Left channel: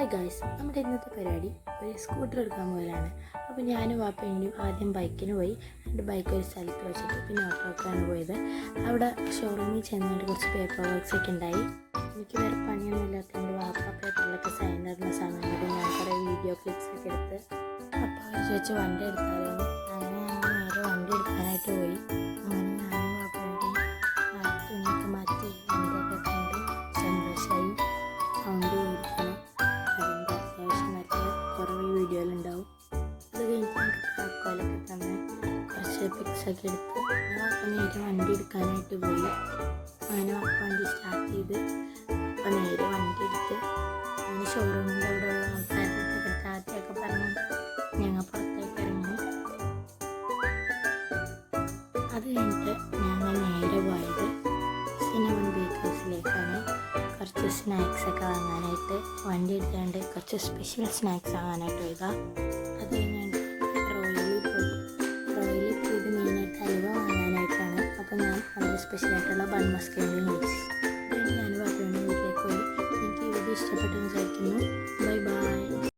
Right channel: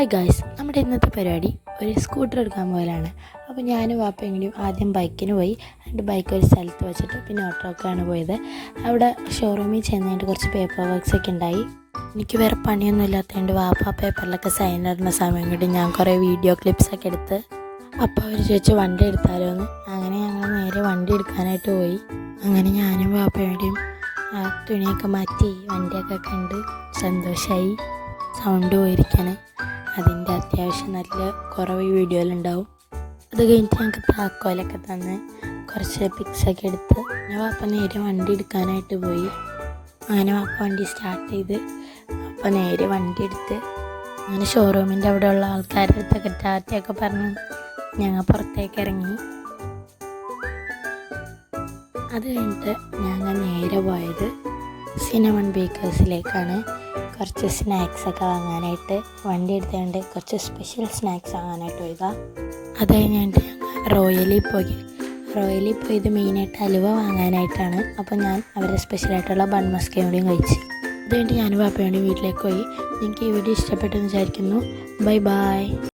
Hi guys, നമ്മുടെ ഇന്നത്തെ പരിപാടി ഒരു സ്കൂട്ടർ എടുക്കാൻ പോകലാണ്. അപ്പോൾ ഞാനും വാപ്പയും കൂടി ആദ്യം ബൈക്കിന് പോയി. എന്നിട്ട് ബൈക്ക് ഒരു സ്ഥലത്ത് വെച്ചിട്ട് പിന്നെ ഓട്ടോക്കാണ് പോയത്. അവിടെ ഷോറൂമിൽ ചെന്നിട്ട് കുറച്ച് പേപ്പർ വർക്ക്സ് ഒക്കെ ഉണ്ടായി. എനിക്ക് വേറെ പണിയൊന്നും ഇല്ലാത്തതുകൊണ്ട് വാപ്പ പേപ്പറിലൊക്കെ സൈൻ ഇടുന്ന സമയം കൊണ്ട് ഞാൻ കുറേ വീഡിയോ ക്ലിപ്സൊക്കെ എടുത്ത് അപ്പോൾ അവർ ചോദിച്ച് വണ്ടി എടുത്താലോ എന്ന്. അങ്ങനെ ഞങ്ങൾ നേരെ വണ്ടി എടുക്കാനായിട്ട് പോയി. അങ്ങനെ ഞാനും വാപ്പയുടെയും തുണിയൊക്കെ മാറ്റി വണ്ടിയൊക്കെ കണ്ട് സന്തോഷമായി. സൗണ്ട് പോയിരിക്കണേ, അതിൻ്റെ അത്യാവശ്യം നല്ല കുറവ് വീഡിയോയിലുണ്ടാവും. അത് കഴിഞ്ഞിട്ട് ഞങ്ങൾക്ക് താക്കോലൊക്കെ തന്ന് കുറച്ച് പിക്സൊക്കെ എടുത്ത് ഞാൻ വാപ്പ നേരെ വണ്ടി എടുക്കാനായിട്ട് പോയി. അങ്ങനെ വാപ്പ വണ്ടി സ്റ്റാർട്ട് ചെയ്ത് അപ്പോൾ നേരെ വണ്ടി എടുത്ത് അങ്ങനെ ഷോറൂമിൻ്റെ അവിടെയുള്ള ആൾക്കാരുടെ അടുത്തൊക്കെ ടാറ്റയൊക്കെ പറഞ്ഞ് ഞങ്ങൾ പുറത്തേക്ക് ഇറങ്ങി. അത് കഴിഞ്ഞിട്ട് ഞങ്ങൾ നേരെ പോയത് സിനമൺ ബേക്കേഴ്സിലേക്കാണ്. കുറച്ച് സ്നാക്സൊക്കെ വാങ്ങാനായിട്ട് വണ്ടി എടുത്തുകൊണ്ട് കുറച്ച് സ്പെഷ്യൽ സ്നാക്സ് വാങ്ങാനായിട്ട് പോയതാ. അത് കഴിഞ്ഞിട്ട് റോയലിൽ പോയത് മെയിനായിട്ട് ഹലുവ വാങ്ങാനായിട്ടാണ്. അപ്പോൾ ഞാൻ അവരുടെ സ്പെഷ്യലായിട്ടുള്ള ബൺ മസ്കയും കൂടിയും കഴിച്ചു. അതുകൊണ്ട് ഞാനും പാപ്പയോടെയും വീട്ടിലേക്ക് പോയി. നിങ്ങൾക്ക് ഈ വീഡിയോ ഇഷ്ടപ്പെട്ടെന്ന് വിചാരിക്കുന്നു. Bye bye.